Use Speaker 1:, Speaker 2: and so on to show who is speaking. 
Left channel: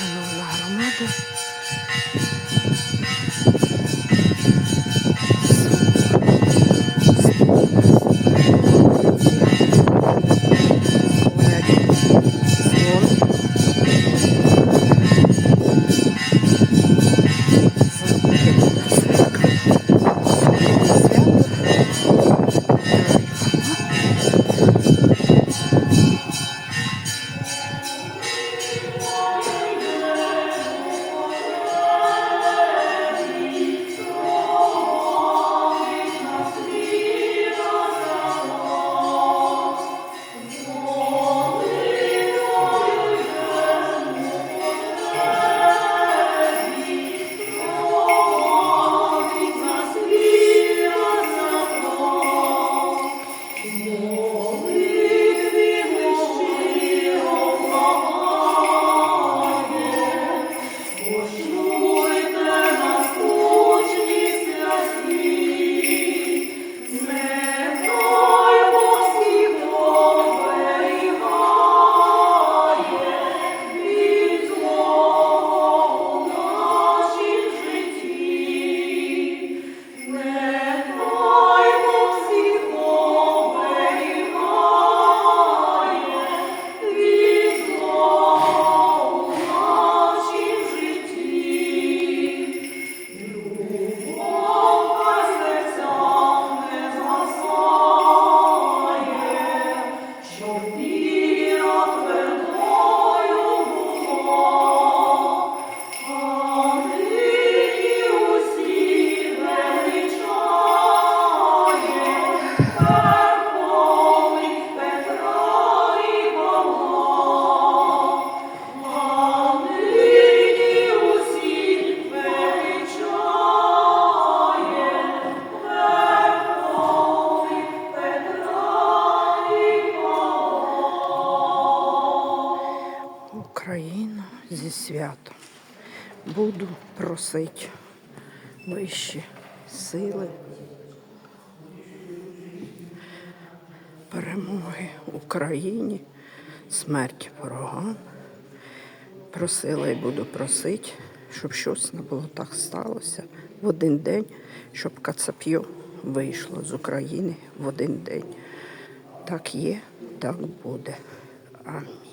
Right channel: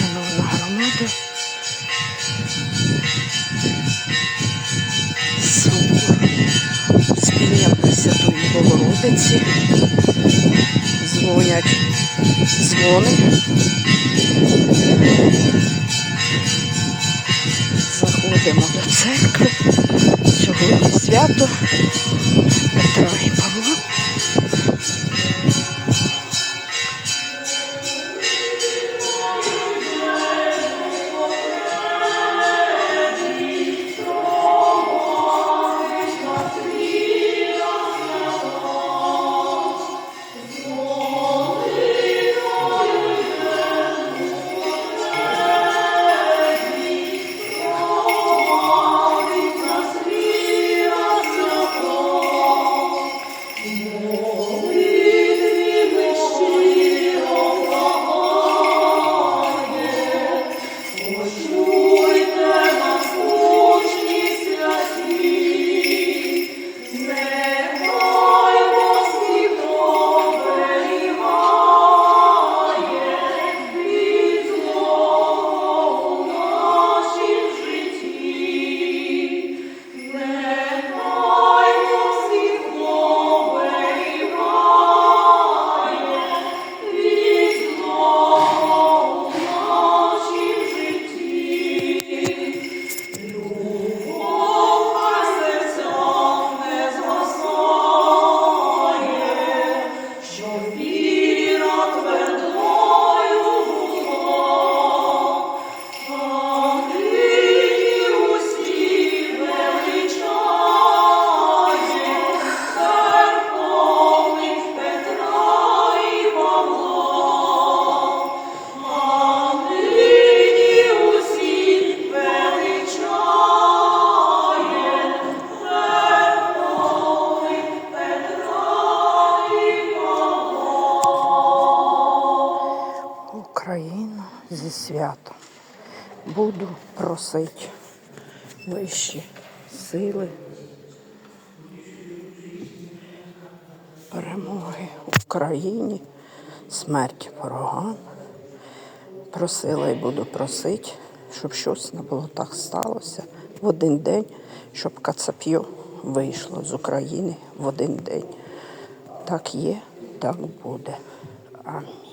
Speaker 1: Шановна громада. Спілялися тут по вулиці. Дзвонять дзвони. Заходимо до церкви. Сьогодні свято Україну зі святом. Буду просити вищі сили, перемоги Україні, смерті ворогам. Просила і буду просити, щоб щось не було так сталося в один день, щоб Кацап'йо вийшло з України в один день. Так є, так буде. Амінь.